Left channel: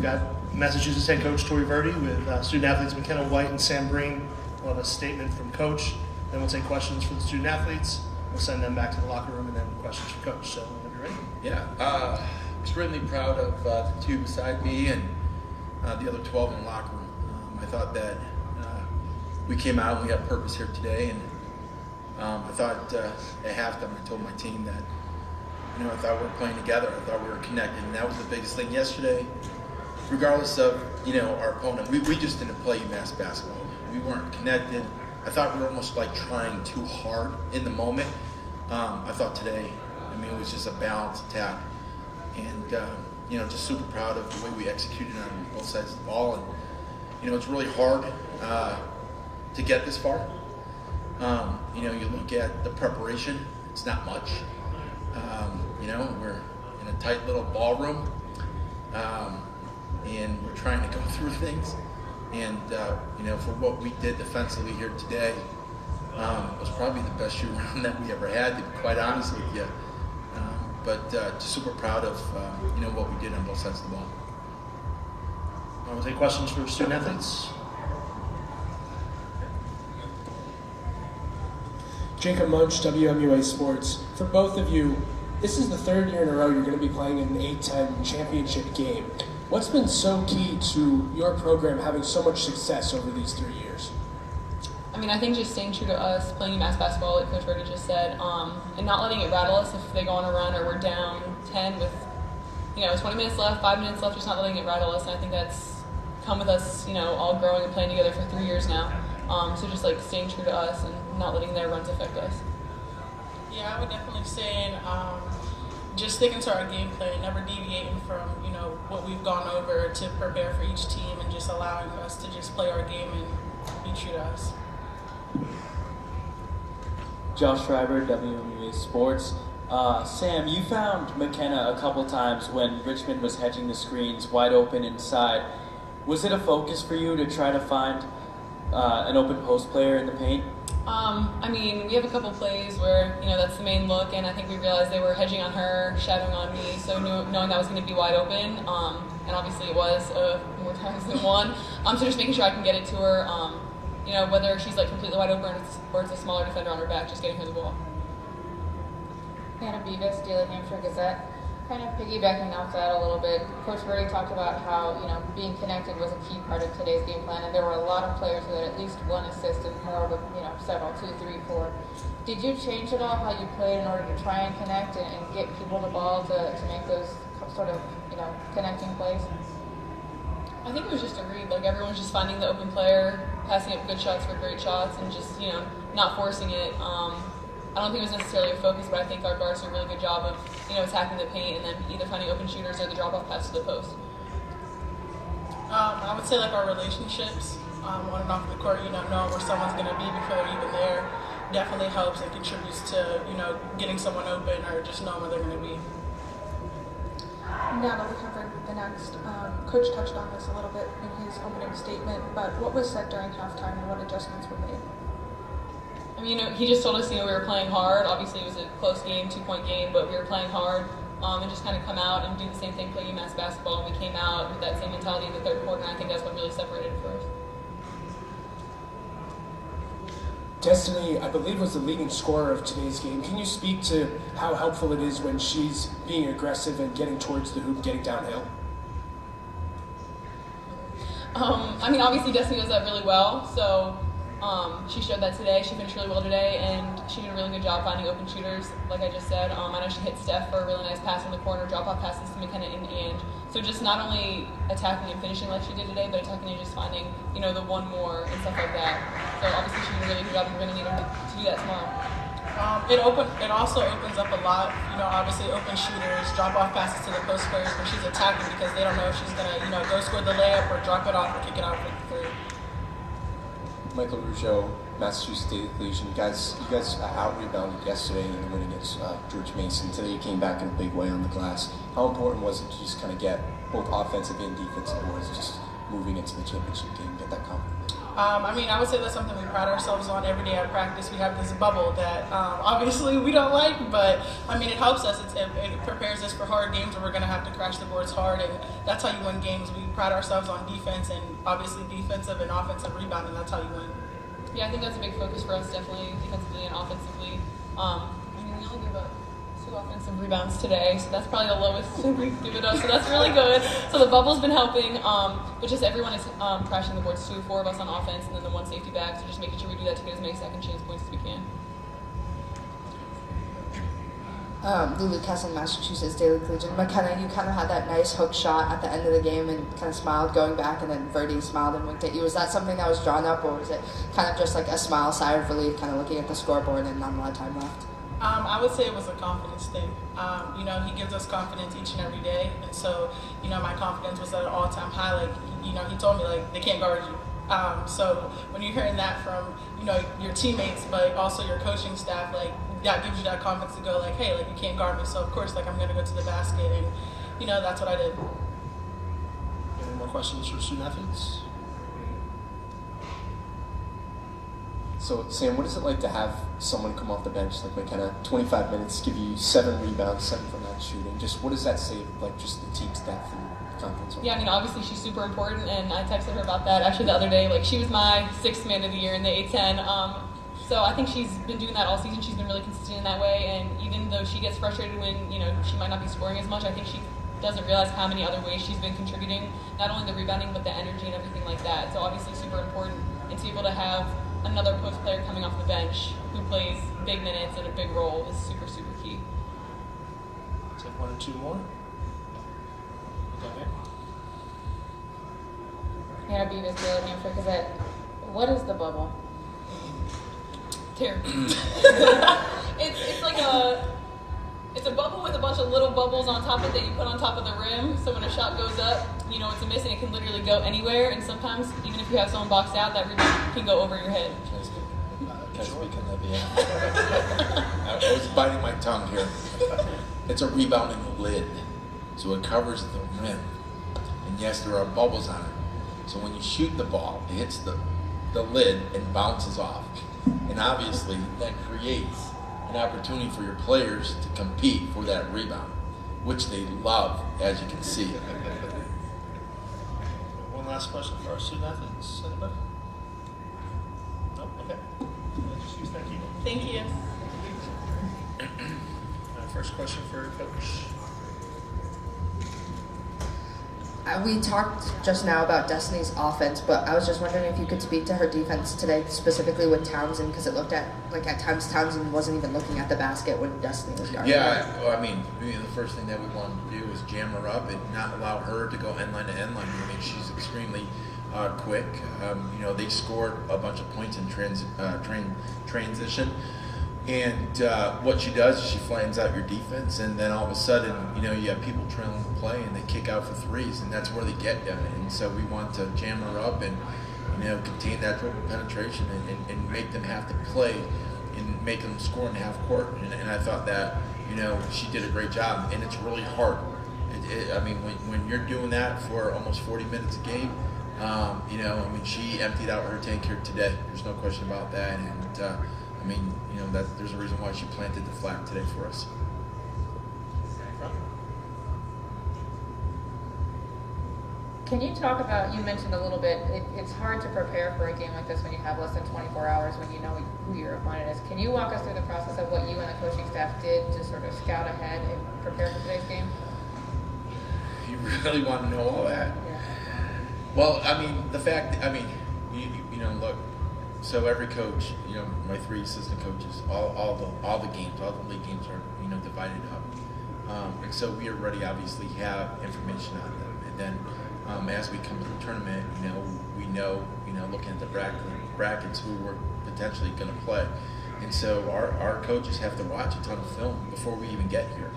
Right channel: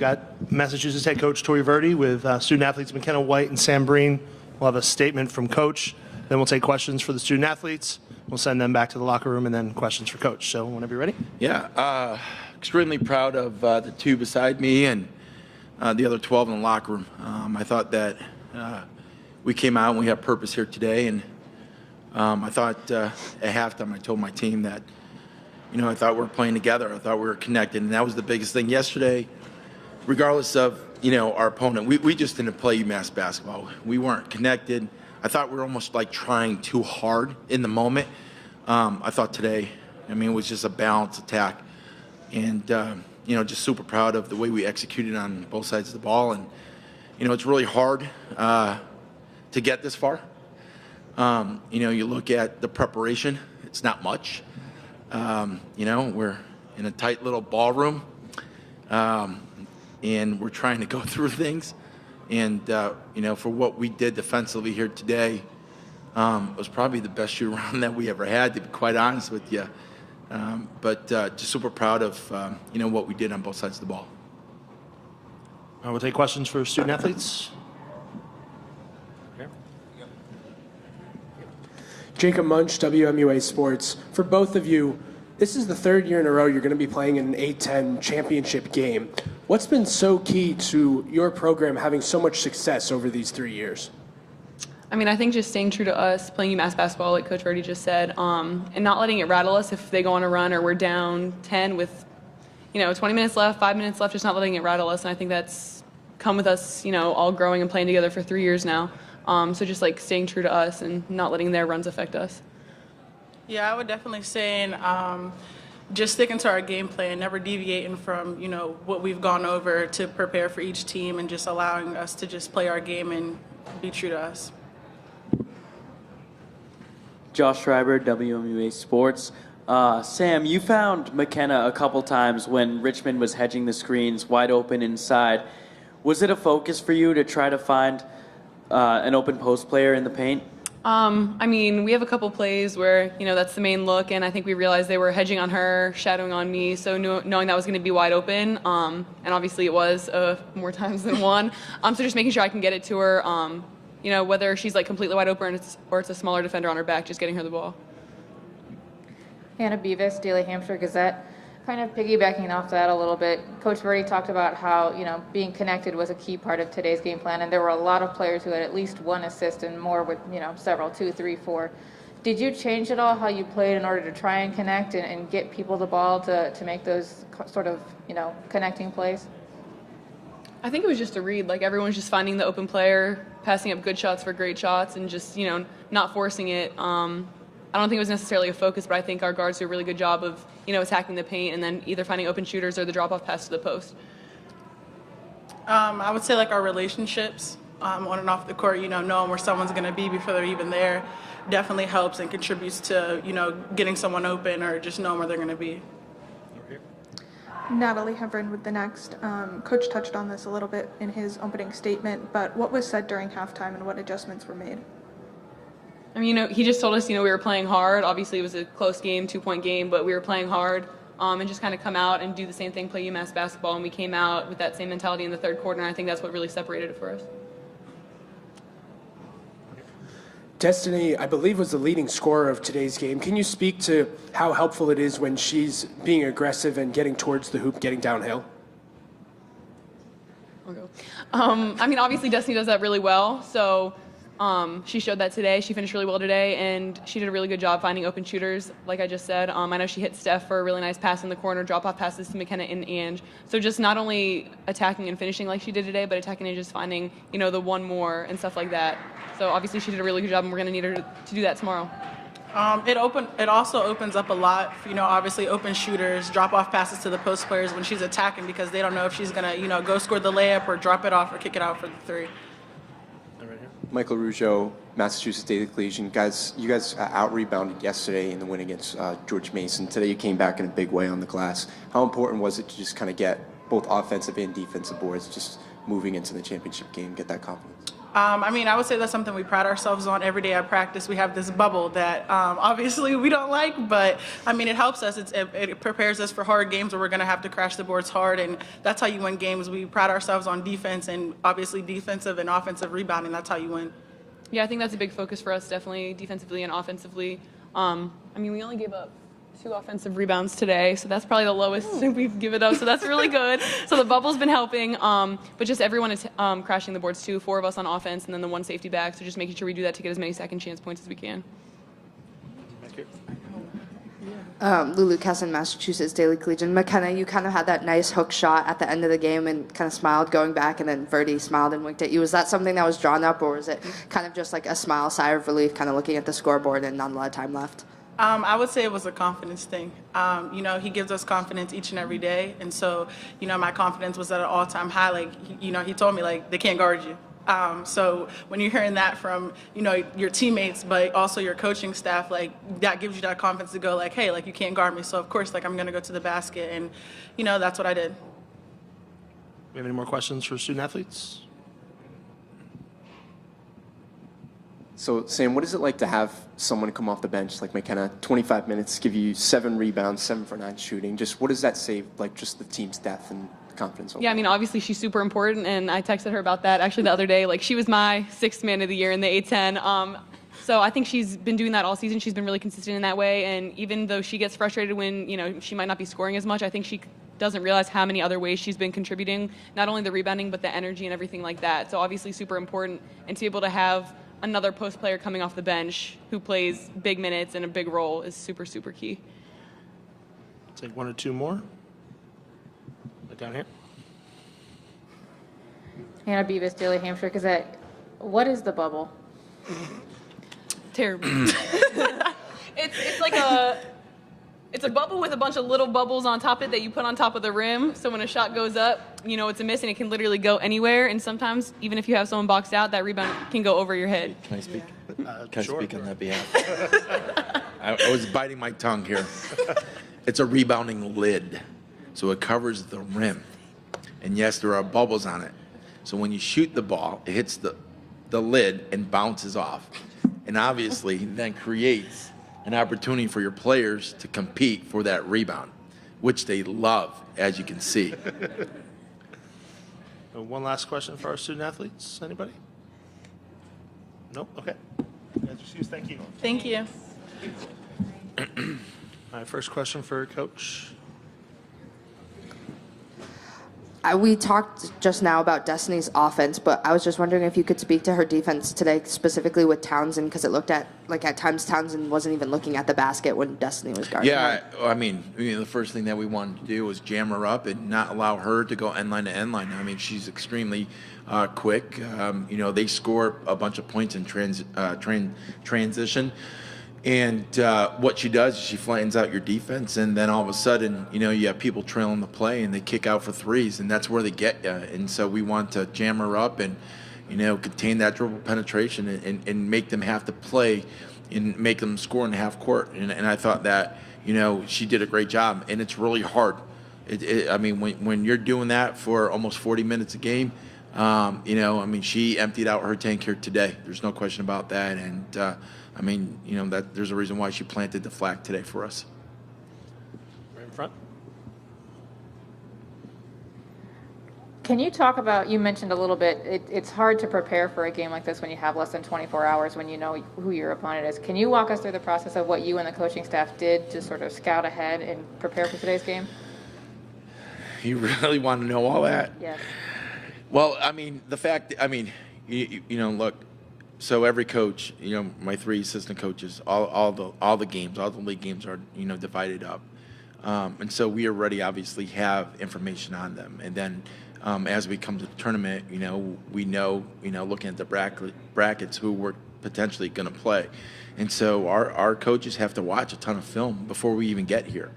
We've got Massachusetts head coach Tori Verdi with student athletes McKenna White and Sam Breen. We'll have a statement from coach. Then we'll take questions for the student athletes. We'll send them back to the locker room and then questions for coach. So whenever you're ready. Yeah, extremely proud of the two beside me and the other 12 in the locker room. I thought that we came out and we had purpose here today, and I thought at halftime I told my team that, I thought we were playing together. I thought we were connected, and that was the biggest thing yesterday. Regardless of, our opponent, we just didn't play UMass basketball. We weren't connected. I thought we were almost like trying too hard in the moment. I thought today, it was just a balanced attack. And, just super proud of the way we executed on both sides of the ball. And, it's really hard to get this far. You look at the preparation, it's not much. We're in a tight little ballroom, and we're trying to go through things. And, for what we did defensively here today, it was probably the best shoot around that we ever had, to be quite honest with you. But just super proud of, what we did on both sides of the ball. We'll take questions for student athletes. Jacob Munch, WMUA Sports. For both of you, this is the third year in a row you're going to be playing in an A-10 championship game. What's been so key to your program having so much success over these 3 years? I think just staying true to us, playing UMass basketball, like Coach Verdi just said, and not letting it rattle us if they go on a run or we're down 10 with, 20 minutes left, 5 minutes left, just not letting it rattle us. And I think that's come with us, all growing and playing together for 3 years now. So just like staying true to us and not letting their runs affect us. Yeah, I would definitely say just sticking to our game plan, never deviating from, what we've gone over to prepare for each team, and just allowing us to just play our game and be true to us. Josh Schreiber, WMUA Sports. Sam, you found McKenna a couple times when Richmond was hedging the screens wide open inside. Was it a focus for you to try to find an open post player in the paint? We have a couple plays where, that's the main look, and I think we realized they were hedging on her, shadowing on me, so knowing that was going to be wide open, and obviously it was more times than one. So just making sure I can get it to her, whether she's like completely wide open or it's a smaller defender on her back, just getting her the ball. Hannah Beavis, Daily Hampshire Gazette. Kind of piggybacking off that a little bit, Coach Verdi talked about how, being connected was a key part of today's game plan, and there were a lot of players who had at least one assist and more with, several, 2, 3, 4. Did you change at all how you played in order to try and connect and get people the ball to make those sort of, connecting plays? I think it was just a read. Like, everyone's just finding the open player, passing up good shots for great shots, and just, not forcing it. I don't think it was necessarily a focus, but I think our guards do a really good job of, attacking the paint and then either finding open shooters or the drop-off pass to the post. I would say like our relationships on and off the court, knowing where someone's going to be before they're even there definitely helps and contributes to, getting someone open or just knowing where they're going to be. Natalie Hebron with the Next. Coach touched on this a little bit in his opening statement, but what was said during halftime and what adjustments were made? He just told us, we were playing hard. Obviously, it was a close game, 2-point game, but we were playing hard and just kind of come out and do the same thing, play UMass basketball, and we came out with that same mentality in the third quarter, and I think that's what really separated it for us. Destiny, I believe, was the leading scorer of today's game. Can you speak to how helpful it is when she's being aggressive and getting towards the hoop, getting downhill? Obviously Destiny does that really well, so she showed that today. She finished really well today, and she did a really good job finding open shooters, like I just said. I know she hit Steph for a really nice pass in the corner, drop-off passes to McKenna and Ange. So just not only attacking and finishing like she did today, but attacking and just finding, the one more and stuff like that. So obviously she did a really good job, and we're going to need her to do that tomorrow. It also opens up a lot, obviously open shooters, drop-off passes to the post players when she's attacking, because they don't know if she's going to, go score the layup or drop it off or kick it out for the three. Michael Rougeau, Massachusetts Daily Collegian. You guys out-rebounded yesterday in the win against George Mason. Today you came back in a big way on the glass. How important was it to just kind of get both offensive and defensive boards just moving into the championship game, get that confidence? I mean, I would say that's something we pride ourselves on every day at practice. We have this bubble that obviously we don't like, but I mean, it helps us. It prepares us for hard games where we're going to have to crash the boards hard, and that's how you win games. We pride ourselves on defense, and obviously defensive and offensive rebounding. That's how you win. Yeah, I think that's a big focus for us, definitely defensively and offensively. I mean, we only gave up 2 offensive rebounds today, so that's probably the lowest we've given up, so that's really good. So the bubble's been helping, but just everyone is crashing the boards too, 4 of us on offense and then the 1 safety back, so just making sure we do that to get as many second chance points as we can. Lulu Kesson, Massachusetts Daily Collegian. McKenna, you kind of had that nice hook shot at the end of the game and kind of smiled going back, and then Verdi smiled and winked at you. Was that something that was drawn up, or was it kind of just like a smile, sigh of relief, kind of looking at the scoreboard and not a lot of time left? I would say it was a confidence thing. You know, he gives us confidence each and every day. And so, you know, my confidence was at an all-time high. Like, you know, he told me, like, they can't guard you. So when you're hearing that from, you know, your teammates, but also your coaching staff, like, that gives you that confidence to go, like, hey, like, you can't guard me. So, of course, like, I'm going to go to the basket. And, you know, that's what I did. Do you have any more questions for student athletes? So, Sam, what is it like to have someone come off the bench like McKenna, 25 minutes, give you 7 rebounds, 7 for 9 shooting? Just what does that say, like, just the team's depth and confidence? Yeah, I mean, obviously she's super important, and I texted her about that actually the other day. Like, she was my 6th man of the year in the A10. So I think she's been doing that all season. She's been really consistent in that way, and even though she gets frustrated when, you know, she might not be scoring as much, I think she doesn't realize how many other ways she's been contributing, not only the rebounding, but the energy and everything like that. So obviously super important, and to be able to have another post player coming off the bench who plays big minutes and a big role is super, super key. Take 1 or 2 more. Down here. Hannah Beavis, Daily Hampshire Gazette. What is the bubble? Terrible. It's like it's a bubble with a bunch of little bubbles on top of it that you put on top of the rim. So when a shot goes up, you know it's a miss, and it can literally go anywhere. And sometimes, even if you have someone boxed out, that rebound can go over your head. Can I speak? Can Sure. I speak on that behalf? I was biting my tongue here. It's a rebounding lid, so it covers the rim. And yes, there are bubbles on it. So when you shoot the ball, it hits the lid and bounces off. And obviously, that creates an opportunity for your players to compete for that rebound, which they love, as you can see. So one last question for our student athletes. Anybody? No? Okay. Excuse, thank you. Thank you. All right, first question for Coach. We talked just now about Destiny's offense, but I was just wondering if you could speak to her defense today, specifically with Townsend, because it looked at times Townsend wasn't even looking at the basket when Destiny was guarding. Yeah, I mean, the first thing that we wanted to do was jam her up and not allow her to go end line to end line. I mean, she's extremely quick. You know, they score a bunch of points in transition. And what she does is she flattens out your defense, and then all of a sudden, you know, you have people trailing the play, and they kick out for threes, and that's where they get you. And so we want to jam her up and, you know, contain that dribble penetration and make them have to play and make them score in the half court. And I thought that, you know, she did a great job, and it's really hard. I mean, when you're doing that for almost 40 minutes a game, you know, I mean, she emptied out her tank here today. There's no question about that. And I mean, you know, that there's a reason why she planted the flag today for us. Front. Can you talk about, you mentioned a little bit, it's hard to prepare for a game like this when you have less than 24 hours when you know who your opponent is. Can you walk us through the process of what you and the coaching staff did to sort of scout ahead and prepare for today's game? You really want to know all that? Yeah. Well, I mean, the fact, I mean, you know, look, so every coach, you know, my 3 assistant coaches, all the games, all the league games are, you know, divided up. And so we already obviously have information on them. And then as we come to the tournament, you know, we know, you know, looking at the brackets who we're potentially going to play. And so our coaches have to watch a ton of film before we even get here.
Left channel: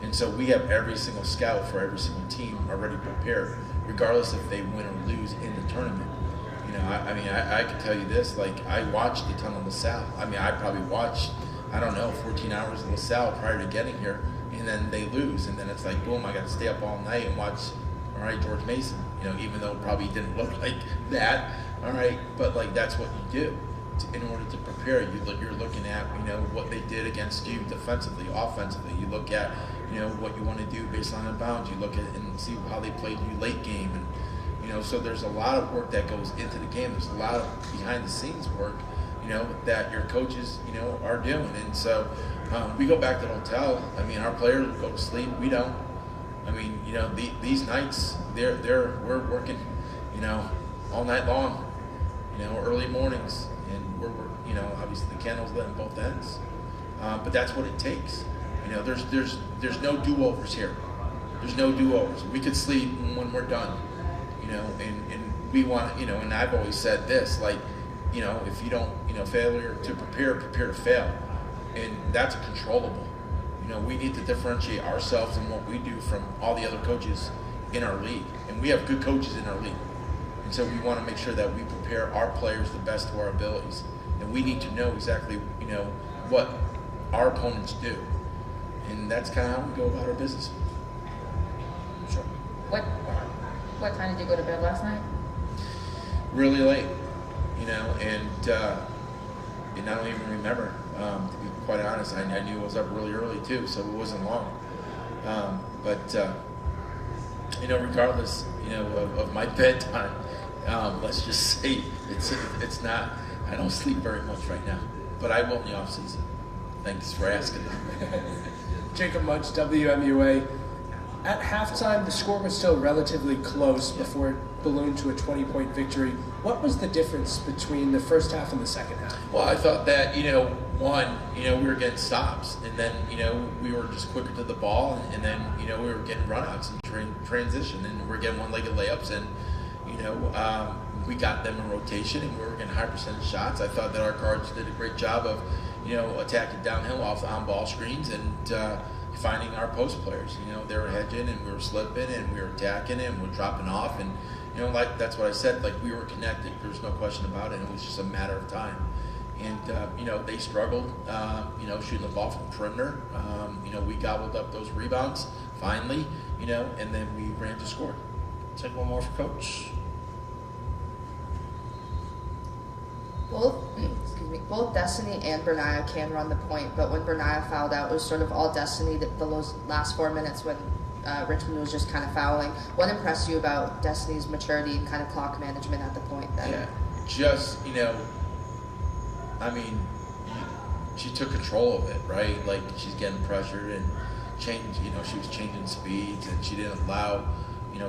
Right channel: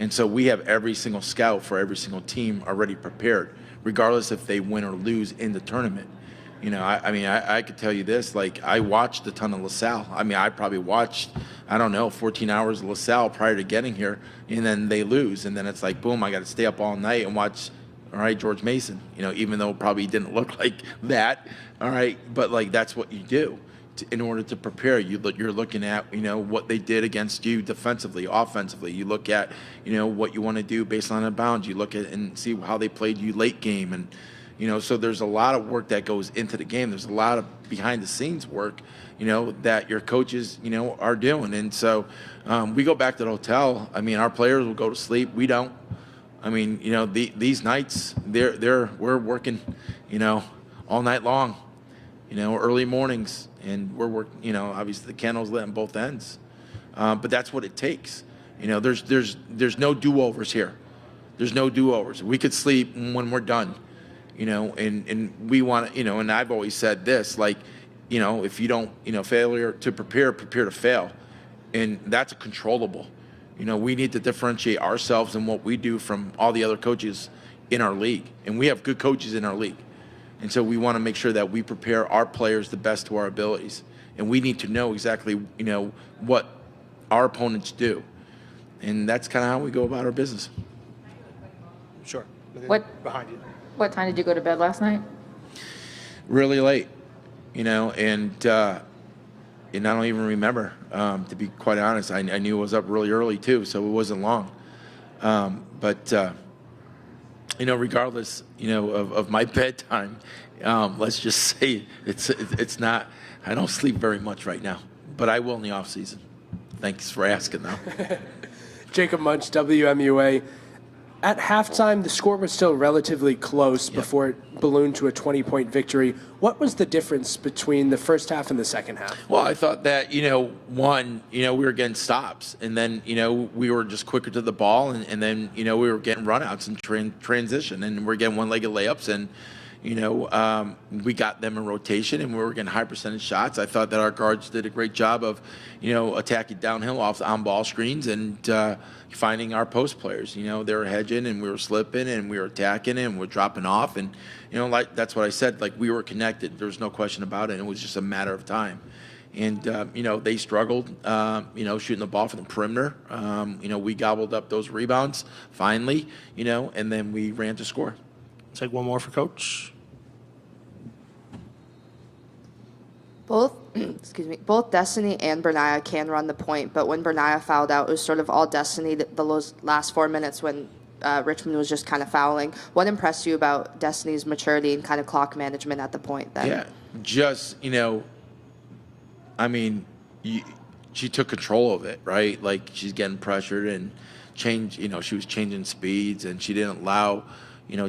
And so we have every single scout for every single team already prepared, regardless if they win or lose in the tournament. You know, I mean, I could tell you this, like, I watched a ton of LaSalle. I mean, I probably watched, I don't know, 14 hours of LaSalle prior to getting here, and then they lose, and then it's like, boom, I got to stay up all night and watch all right, George Mason, even though it probably didn't look like that, all right, but like that's what you do in order to prepare. You're looking at what they did against you defensively, offensively. You look at what you want to do based on a bounds. You look at and see how they played you late game, and so there's a lot of work that goes into the game. There's a lot of behind the scenes work that your coaches are doing, and so we go back to the hotel. I mean, our players will go to sleep. We don't. I mean, these nights we're working, all night long, early mornings, and we're obviously the candles lit on both ends, but that's what it takes. There's no do-overs here. There's no do-overs. We could sleep when we're done, and we want, and I've always said this, like, if you don't, failure to prepare to fail, and that's controllable. We need to differentiate ourselves and what we do from all the other coaches in our league. And we have good coaches in our league. And so we want to make sure that we prepare our players the best to our abilities. And we need to know exactly, what our opponents do. And that's kind of how we go about our business. Sure. What Behind you. What time did you go to bed last night? Really late, and I don't even remember, to be quite honest. I knew I was up really early too, so it wasn't long. But regardless, of my bedtime, let's just say it's not. I don't sleep very much right now, but I will in the off season. Thanks for asking, though. Jacob Munch, WMUA. At halftime, the score was still relatively close before it ballooned to a 20-point victory. What was the difference between the first half and the second half? Well, I thought that, one, we were getting stops, and then, we were just quicker to the ball, and then, we were getting runouts and transition, and we're getting one-legged layups, and, we got them in rotation, and we were getting high percentage shots. I thought that our guards did a great job of, attacking downhill off the on-ball screens and finding our post players. They were hedging, and we were slipping, and we were attacking, and we were dropping off, and like that's what I said. Like, we were connected. There was no question about it. It was just a matter of time. And they struggled, shooting the ball from the perimeter. We gobbled up those rebounds finally, and then we ran to score. Take one more for Coach. Both Destiny and Bernaya can run the point, but when Bernaya fouled out, it was sort of all Destiny the last 4 minutes when Richmond was just kind of fouling. What impressed you about Destiny's maturity and kind of clock management at the point then? Yeah, just, she took control of it, right? Like, she's getting pressured and she was changing speeds, and she didn't allow,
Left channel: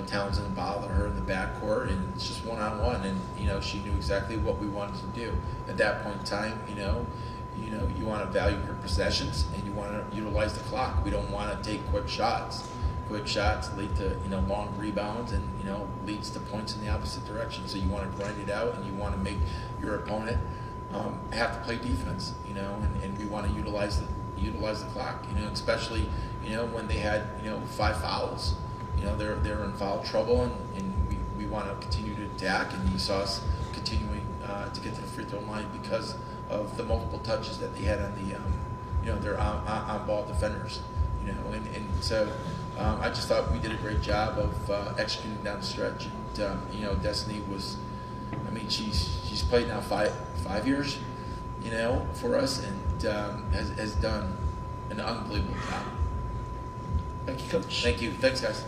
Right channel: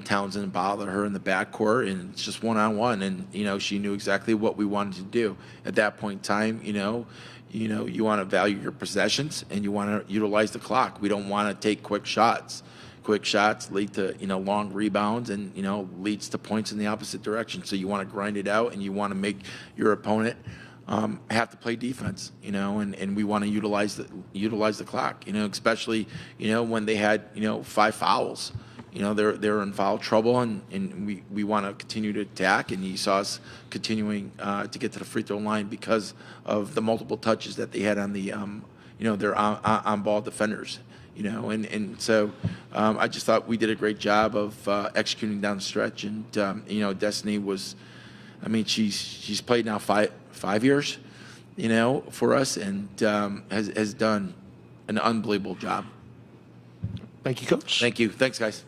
Townsend to bother her in the backcourt, and it's just one-on-one, and, she knew exactly what we wanted to do. At that point in time, you want to value your possessions, and you want to utilize the clock. We don't want to take quick shots. Quick shots lead to, long rebounds, and, leads to points in the opposite direction. So you want to grind it out, and you want to make your opponent have to play defense, and we want to utilize the clock, especially, when they had, 5 fouls. They're in foul trouble, and we want to continue to attack, and you saw us continuing to get to the free throw line because of the multiple touches that they had on the, their on-ball defenders, and so I just thought we did a great job of executing down the stretch, and Destiny was, she's played now five years, for us, and has done an unbelievable job. Thank you, Coach. Thank you. Thanks, guys.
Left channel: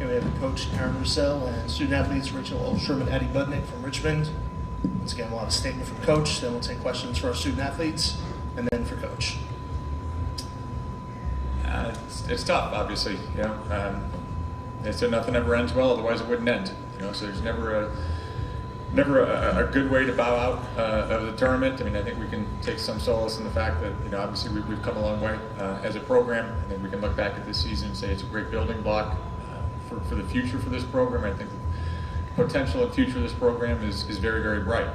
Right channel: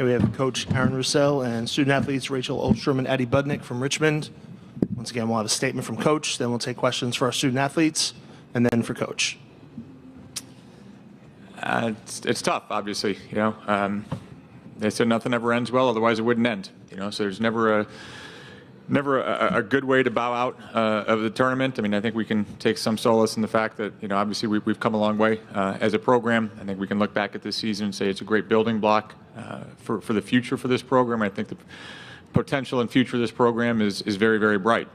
Here we have Coach Aaron Roussel and student athletes Rachel Oldstrom and Addie Budnick from Richmond. Once again, we'll have a statement from Coach, then we'll take questions for our student athletes, and then for Coach. It's tough, obviously. They said nothing ever ends well, otherwise it wouldn't end. So there's never a good way to bow out of the tournament. I mean, I think we can take some solace in the fact that obviously we've come a long way as a program. I think we can look back at this season and say it's a great building block for the future for this program. I think the potential and future of this program is very, very bright.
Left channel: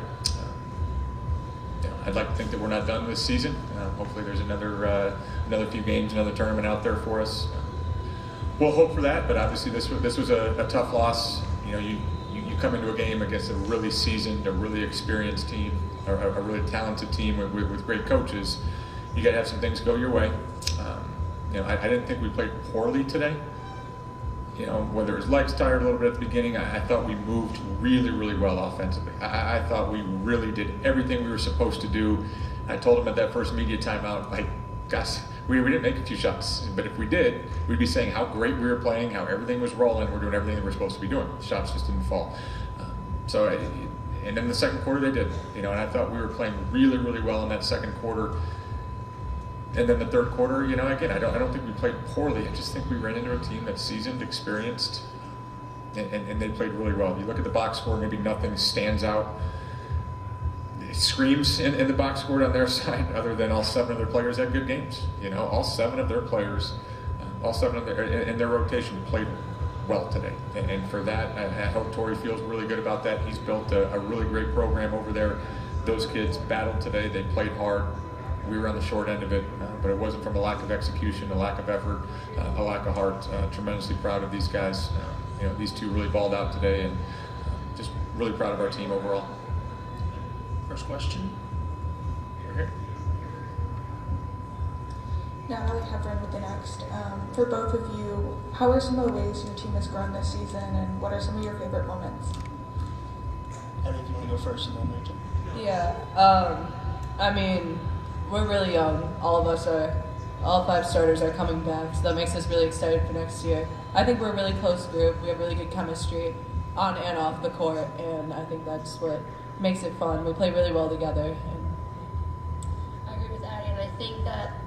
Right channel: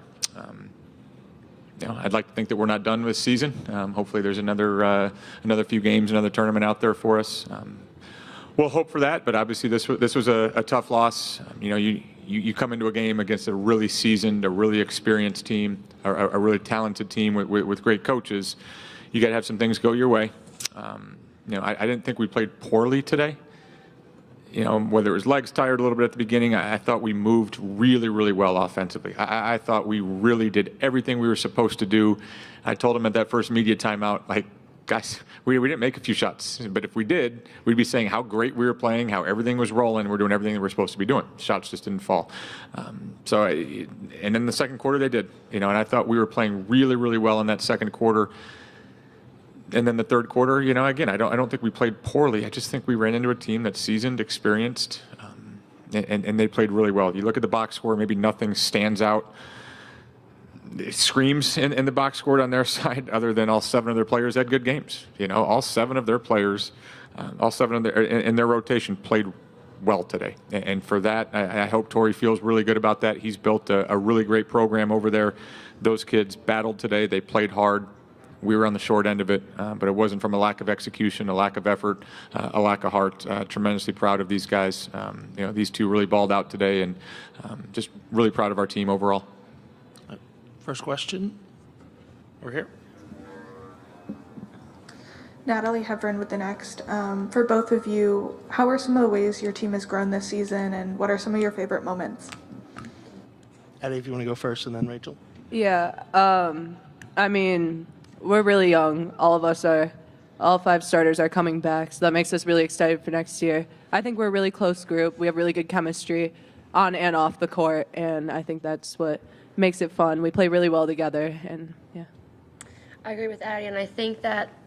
I'd like to think that we're not done with the season. Hopefully there's another few games, another tournament out there for us. We'll hope for that, but obviously this was a tough loss. You come into a game against a really seasoned, a really experienced team, or a really talented team with great coaches. You got to have some things go your way. I didn't think we played poorly today. Whether it was legs tired a little bit at the beginning, I thought we moved really, really well offensively. I thought we really did everything we were supposed to do. I told them at that first media timeout, like, guys, we didn't make a few shots, but if we did, we'd be saying how great we were playing, how everything was rolling, we're doing everything that we're supposed to be doing. Shots just didn't fall. And then the second quarter they did, and I thought we were playing really, really well in that second quarter. And then the third quarter, again, I don't think we played poorly. I just think we ran into a team that's seasoned, experienced, and they played really well. If you look at the box score, maybe nothing stands out. It screams in the box score on their side, other than all 7 of their players had good games. All 7 of their players, all 7 of their in their rotation played well today. And for that, I hope Torrey feels really good about that. He's built a really great program over there. Those kids battled today. They played hard. We were on the short end of it, but it wasn't from a lack of execution, a lack of effort, a lack of heart. Tremendously proud of these guys. These 2 really balled out today, and just really proud of our team overall. First question, over here. Natalie Hevron with the next. For both of you, how are some of the ways your team has grown this season, and what are some of your favorite moments? Addie, if you want to go first, and then Rachel. Yeah, I mean, we're really young. All 5 starters are coming back, so that makes us really excited for next year. I think we're a really close group. We have really good chemistry on and off the court, and I think that's what makes it fun. We play really well together, and yeah. I agree with Addie, and I think that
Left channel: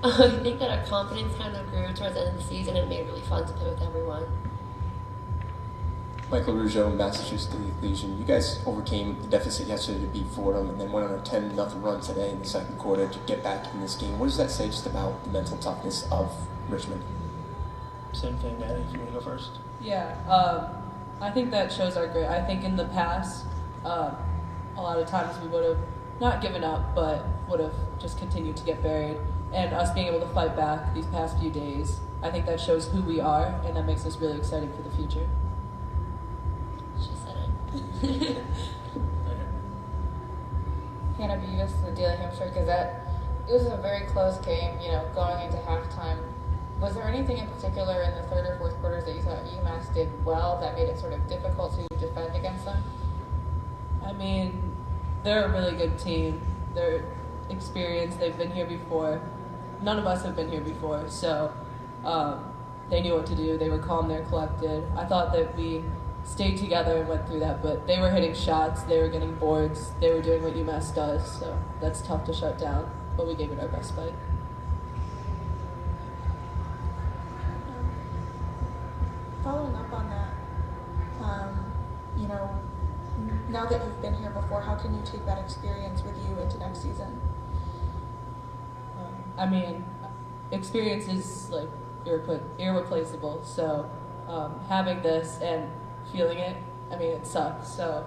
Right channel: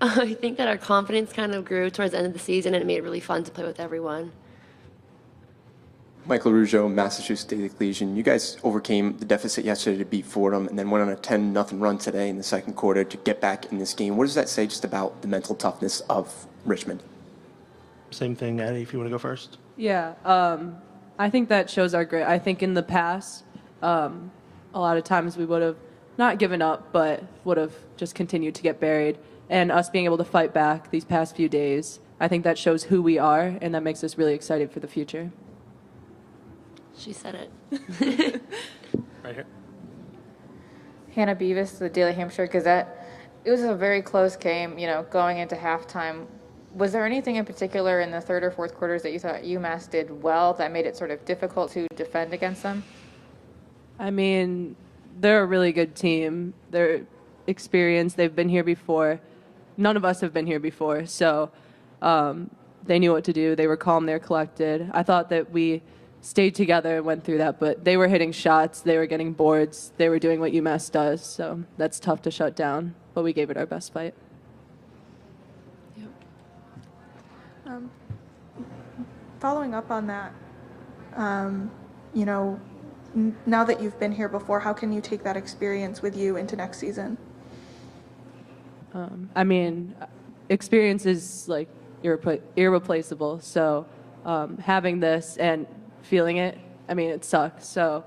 I think that our confidence kind of grew towards the end of the season, and it made it really fun to play with everyone. Michael Rougeau, Massachusetts State Legion. You guys overcame the deficit yesterday to beat Fordham and then went on a 10-0 run today in the second quarter to get back in this game. What does that say just about the mental toughness of Richmond? Same thing, Addie, if you want to go first. Yeah, I think that shows our grit. I think in the past, a lot of times we would have not given up, but would have just continued to get buried. And us being able to fight back these past few days, I think that shows who we are, and that makes us really excited for the future. She said it. Right here. Hannah Beavis, the Daily Hampshire Gazette. It was a very close game, going into halftime. Was there anything in particular in the third or fourth quarters that you thought UMass did well that made it sort of difficult to defend against them? I mean, they're a really good team. They're experienced. They've been here before. None of us have been here before, so they knew what to do. They were calm, they're collected. I thought that we stayed together and went through that, but they were hitting shots, they were getting boards, they were doing what UMass does, so that's tough to shut down, but we gave it our best fight. Following up on that, now that you've been here before, how can you take that experience with you into next season? I mean, experience is like irreplaceable, so having this and feeling it, I mean, it sucks, so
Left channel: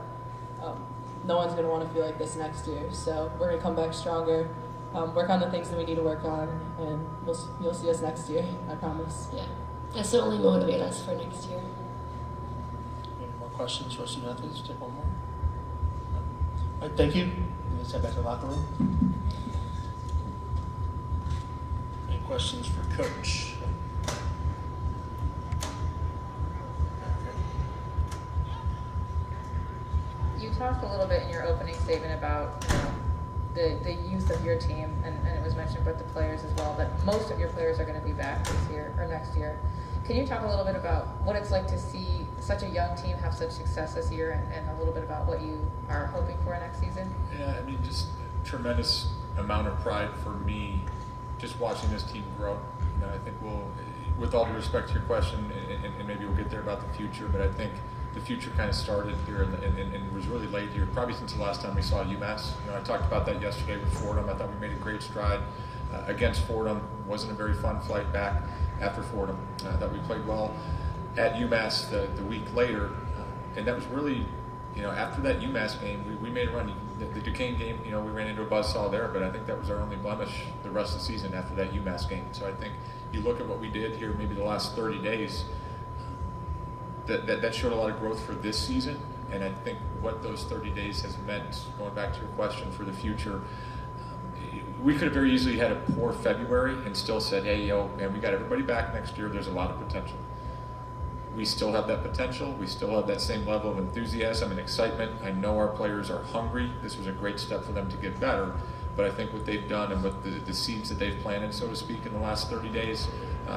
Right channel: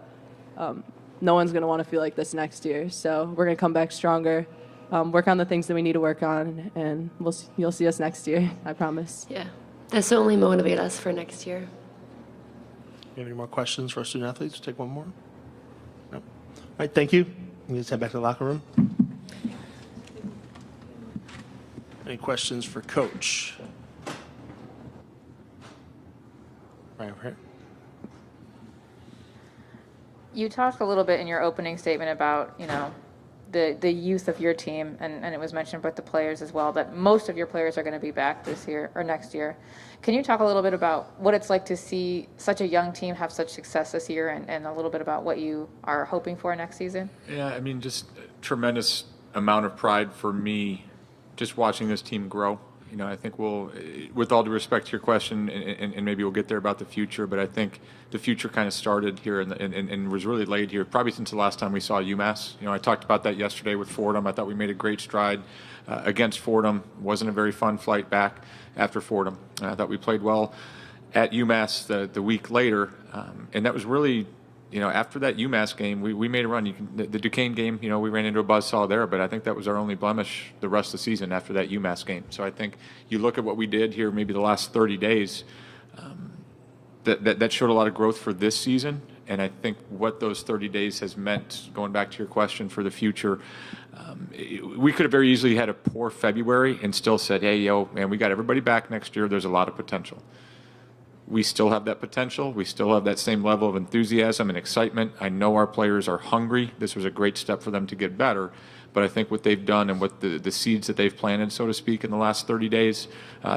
no one's going to want to feel like this next year, so we're going to come back stronger, work on the things that we need to work on, and you'll see us next year, I promise. Yeah, that's only motivate us for next year. Any more questions for our student athletes? Take one more. No. All right, thank you. We need to head back to the locker room. Any questions for Coach? Right over here. You talked a little bit in your opening statement about, the youth of your team, and it was mentioned about the players as well, but most of your players are going to be back this year or next year. Can you talk a little bit about what it's like to see such a young team have such success this year, and a little bit about what you are hoping for next season? Yeah, I mean, just a tremendous amount of pride for me just watching this team grow. You know, I think we'll, with all due respect to your question, and maybe we'll get there about the future, but I think the future kind of started here and was really laid here probably since the last time we saw UMass. You know, I talked about that yesterday with Fordham. I thought we made a great stride against Fordham. Wasn't a very fun flight back after Fordham. I thought we played well at UMass the week later, and that was really, you know, after that UMass game, we made a run. The Duquesne game, you know, we ran into a buzzsaw there, but I think that was our only blemish the rest of the season after that UMass game. So I think you look at what we did here maybe the last 30 days, that showed a lot of growth for this season, and I think what those 30 days has meant, going back to your question for the future, we could have very easily had a poor February and still said, hey, yo, man, we got everybody back next year. There's a lot of potential. We still have that potential. We still have that same level of enthusiasm and excitement. I know our players are hungry. This was a great step for them to get better. But I think what they've done and what the seeds that they've planted, so to speak, in the last 30 days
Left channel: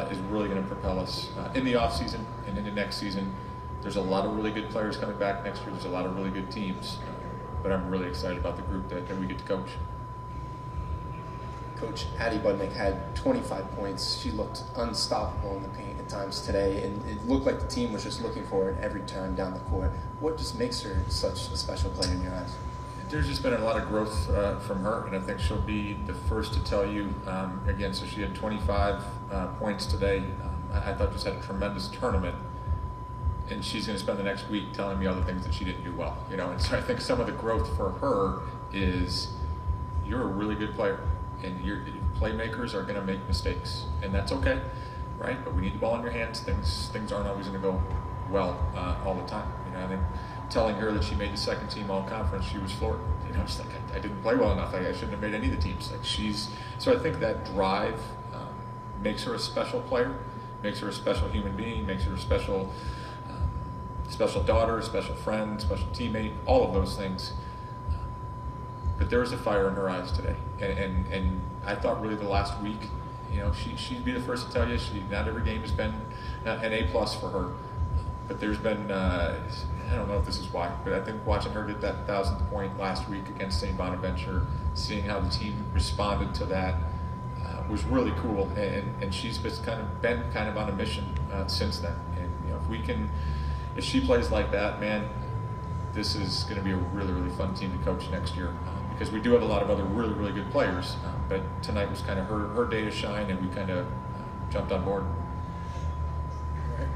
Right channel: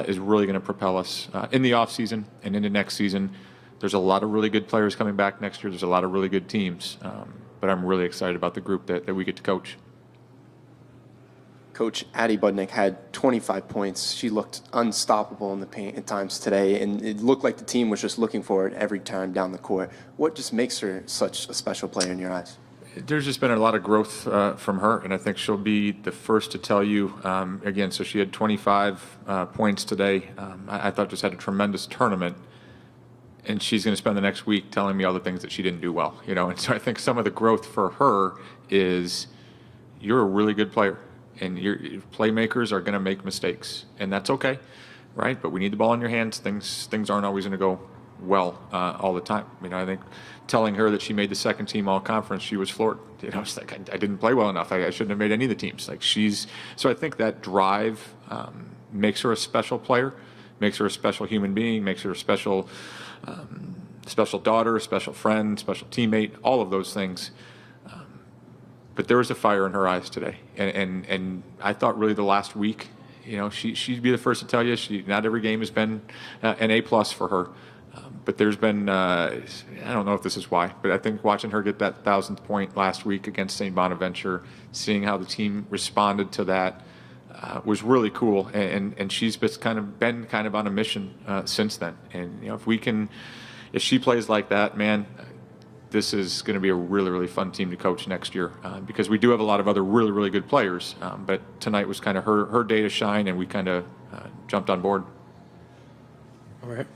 is really going to propel us in the offseason and into next season. There's a lot of really good players coming back next year. There's a lot of really good teams. But I'm really excited about the group that we get to coach. Coach Addie Budnick had 25 points. She looked unstoppable in the paint at times today, and it looked like the team was just looking for it every time down the court. What just makes her such a special player in your eyes? There's just been a lot of growth from her, and I think she'll be the first to tell you, again, so she had 25 points today. I thought just had a tremendous tournament, and she's going to spend the next week telling me all the things that she didn't do well, you know. And so I think some of the growth for her is you're a really good player, and your playmakers are going to make mistakes, and that's okay, right? But we need the ball in your hands. Things aren't always going to go well all the time. You know, I think telling her that she made the second team all conference, she was floored. You know, it's like I didn't play well enough. I shouldn't have made any of the teams. Like so I think that drive makes her a special player, makes her a special human being, makes her a special daughter, special friend, special teammate, all of those things. But there was a fire in her eyes today, and I thought really the last week, you know, she'd be the first to tell you not every game has been an A+ for her, but there's been I don't know if this is why, but I think watching her get that 1,000th point last week against St. Bonaventure, seeing how the team responded to that was really cool, and she's been kind of on a mission since then. And you know, if she plays like that, man, this is going to be a really, really fun team to coach next year because we do have a lot of other really, really good players. But tonight was kind of her day to shine, and we kind of jumped on board. All right.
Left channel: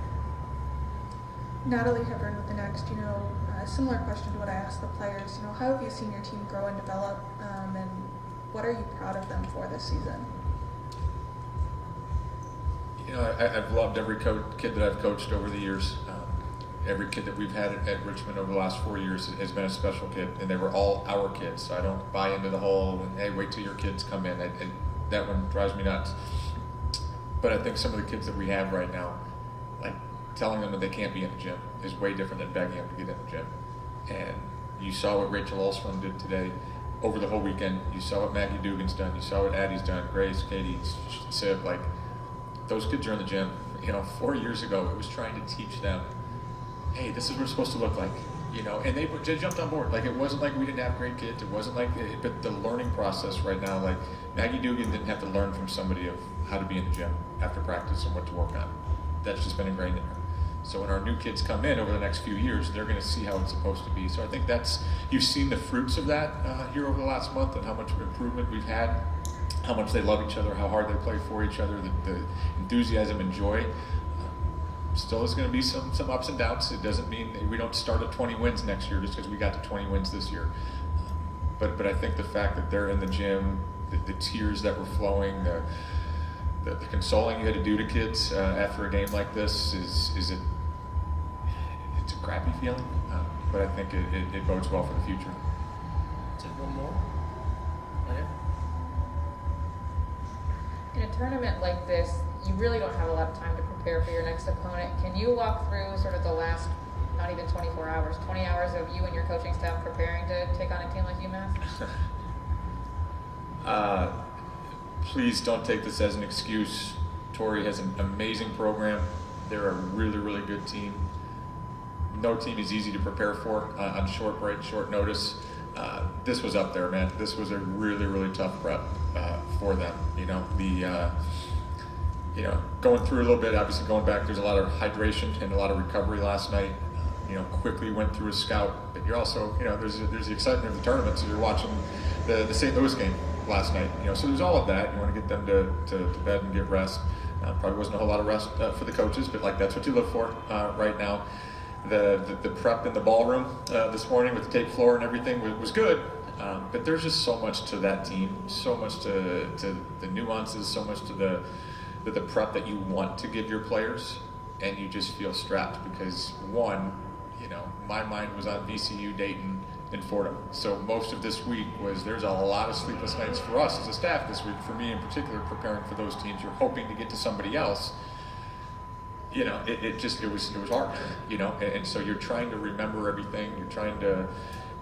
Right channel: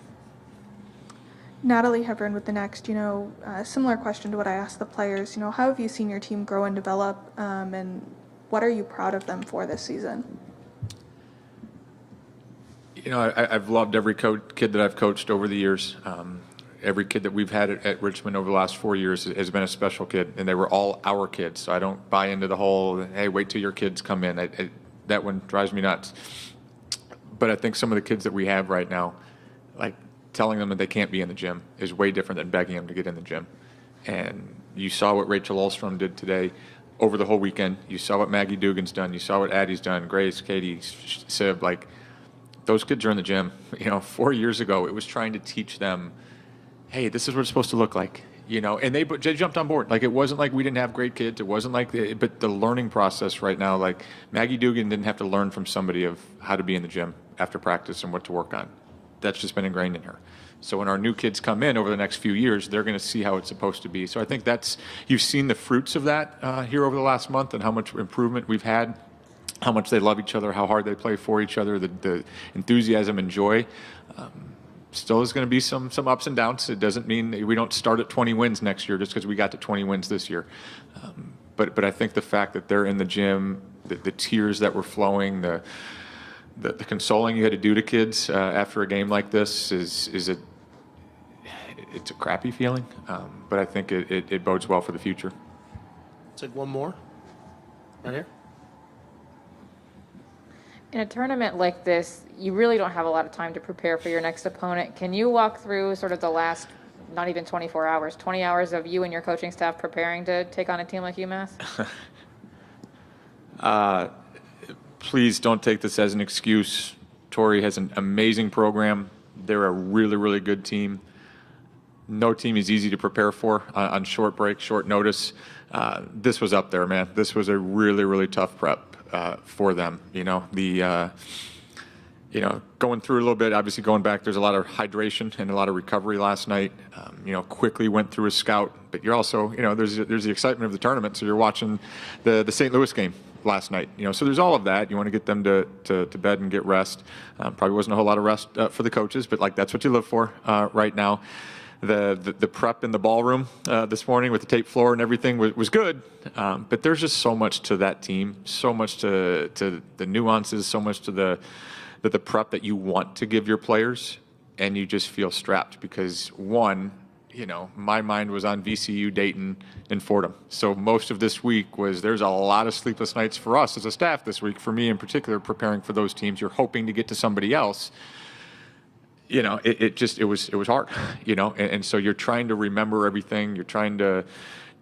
Natalie Hebron with the Next. You know, a similar question to what I asked the players. You know, how have you seen your team grow and develop, and what are you proud of them for this season? You know, I've loved every kid that I've coached over the years. Every kid that we've had at Richmond over the last 4 years has been a special kid, and they were all our kids. So I don't buy into the whole, hey, wait till your kids come in. That one drives me nuts. But I think some of the kids that we have right now, like telling them that they can't be in the gym is way different than begging them to get in the gym. And you saw what Rachel Ulstrom did today over the whole weekend. You saw what Maggie Dugan's done. You saw what Addie's done, Grace, Katie, Sib. Like, those kids are in the gym. You know, 4 years ago, it was trying to teach them, hey, this is what it's supposed to look like, you know, and they jumped on board. Like, it wasn't like we didn't have great kids. It wasn't like, but the learning process right now, like Maggie Dugan didn't have to learn from somebody of how to be in the gym after practice and what to work on. That's just been ingrained in her. So when our new kids come in over the next few years, they're going to see how it's supposed to be. So I think you've seen the fruits of that here over the last month, and how much improvement we've had, how much they love each other, how hard they play for each other, the enthusiasm and joy. Still is going to be some ups and downs. It doesn't mean we don't start at 20 wins next year just because we got to 20 wins this year. But I think the fact that they're in the gym, the tears that were flowing, the consoling you had to do to kids after a game like this it's a crappy feeling. But I think it bodes well for the future. Take one more. Right here. In a tournament like this, you really don't have a lot of time to prepare for your next opponent. Can you walk through sort of the last, not even 24 hours, 20 hours of you and your coaching staff preparing to take on a team like UMass? Please don't take this as an excuse. Torrey has an amazing program. They're a really, really good team. No team is easy to prepare for on short break, short notice. This was up there, man. This was a really, really tough prep for them. You know, going through a little bit, obviously going back, there's a lot of hydration and a lot of recovery last night. Quickly went through a scout, but you're also, there's the excitement of the tournament. So you're watching the St. Louis game last night. So there's all of that. You want to get them to bed and get rest. Probably wasn't a whole lot of rest for the coaches, but that's what you live for right now. The prep in the ballroom this morning with the tape floor and everything was good, but there's just so much to that team, so much to the nuances, so much to the prep that you want to give your players, and you just feel strapped because my mind was on VCU, Dayton, and Fordham. So most of this week there's a lot of sleepless nights for us as a staff this week, for me in particular, preparing for those teams. You're hoping to get to somebody else. It was hard, and so you're trying to remember everything. You're trying to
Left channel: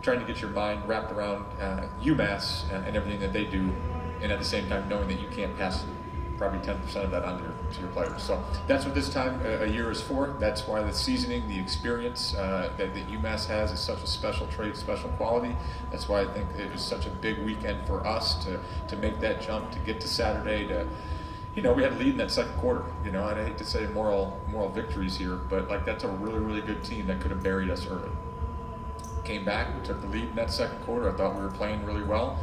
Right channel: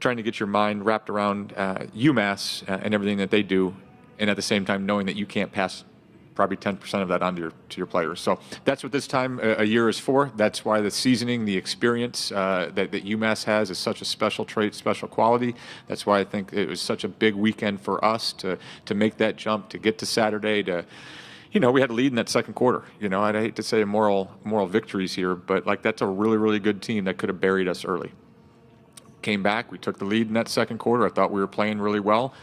get your mind wrapped around UMass and everything that they do, and at the same time knowing that you can't pass probably 10% of that on to your players. So that's what this time a year is for. That's why the seasoning, the experience that UMass has is such a special trait, special quality. That's why I think it was such a big weekend for us to make that jump, to get to Saturday, we had a lead in that second quarter. I'd hate to say moral victories here, but that's a really, really good team that could have buried us early. Came back, we took the lead in that second quarter. I thought we were playing really well.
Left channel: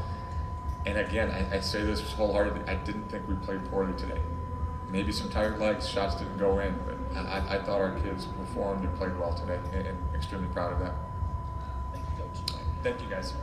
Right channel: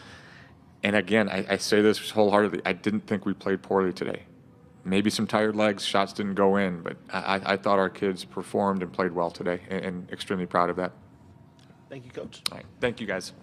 And again, I say this wholeheartedly, I didn't think we played poorly today. Maybe some tired legs, shots didn't go in, but I thought our kids performed and played well today, and extremely proud of that. Thank you, Coach. All right. Thank you, guys.